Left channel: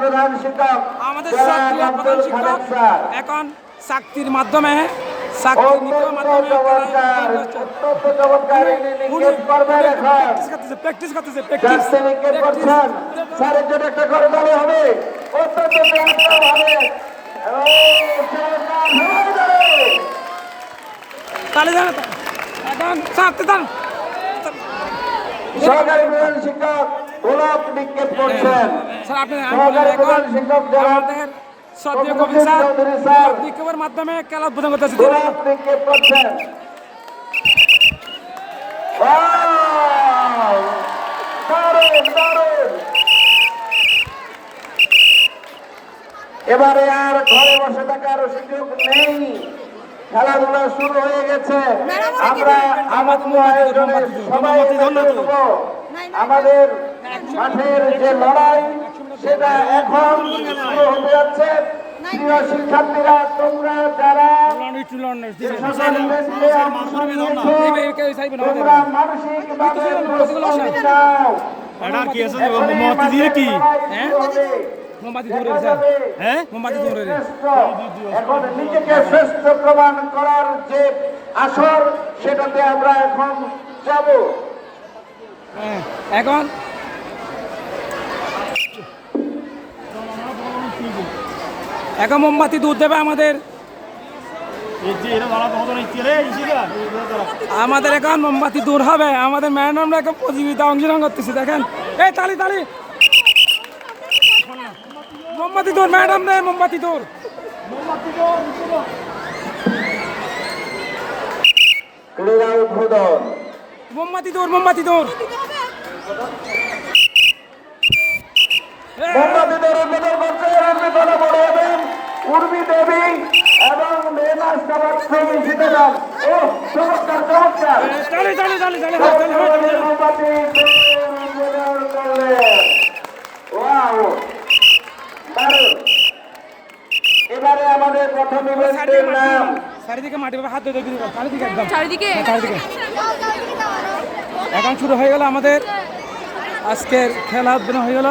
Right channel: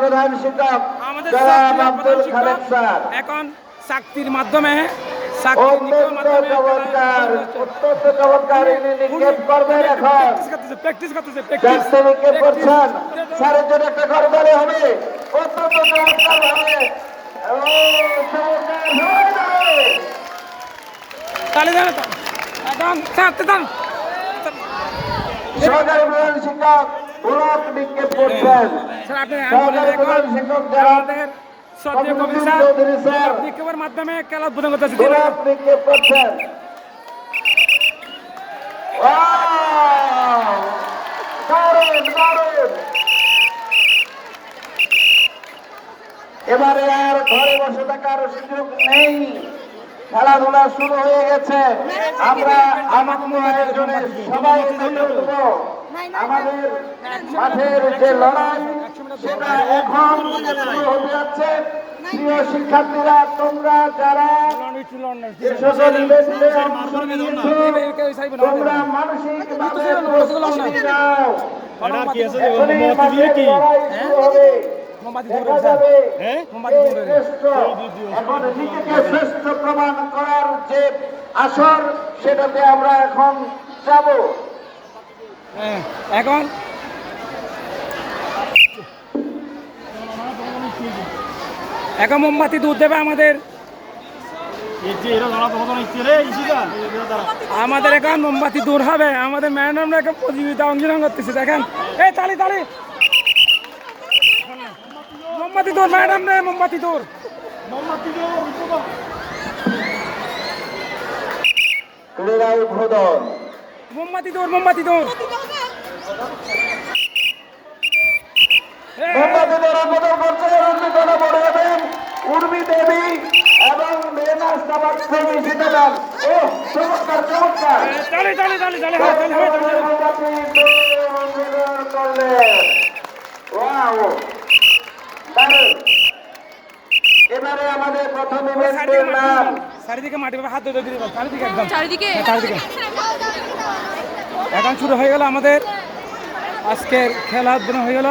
প্রধান শিক্ষক আমাদের সক্রিয় প্রধান শিক্ষক এখন চাকরির মাধ্যমে চাকরির নিয়োগের মাধ্যমে প্র্যাকটিস করতেছে প্র্যাকটিস তাহলে জানো তো এখন ছাড়তে দান সহকারী প্রধান শিক্ষক ব্লক নিক্ষেপ করছেন। স্যার আপনি আমাদের শ্রদ্ধেয় কবি স্যার ব্লক নিক্ষেপের মাধ্যমে খেলা উদ্বোধন করতেছে ব্লক নিক্ষেপ করছেন। এবারে আর ঘরে বসে থাকার সুযোগ নেই, খেলাধুলা শুরু হয়ে গেছে। আমরা আমাদের আয়োজনের সবাই আমাদের মাঠের যে লড়াই সেটা এখন শুরু হতে যাচ্ছে। প্রিয় শিক্ষার্থীরা, তোমরা যারা তোমরা মানসিক এখন নিজেকে শ্রেষ্ঠ প্রমাণ করার যে আসর সেটাতে আমরা এখন যাব। এখন এখন মোমবাতি দুধ দেবে আমাদের এখন মোমবাতি দূর হবে। আমাদের ম্যাডামরা এখন প্রতিযোগিতা অংশগ্রহণ করতেছে। দেখেন এই তালি তালি মোমবাতি দূর ম্যাডাম রে মোমবাতি দূর মোমবাতি দূর মোমবাতি দূর উর্মি দেবী এবং চমৎকার চমৎকার এবারে আমাদের প্রথম ইভেন্টের নাম চারিদিকে মাটি হাত ধরে চারিদিকে একদম চারিদিকে এখন শুরু হয়ে গেল আমাদের আজকের খেলা উদ্বোধন হয়ে গেল।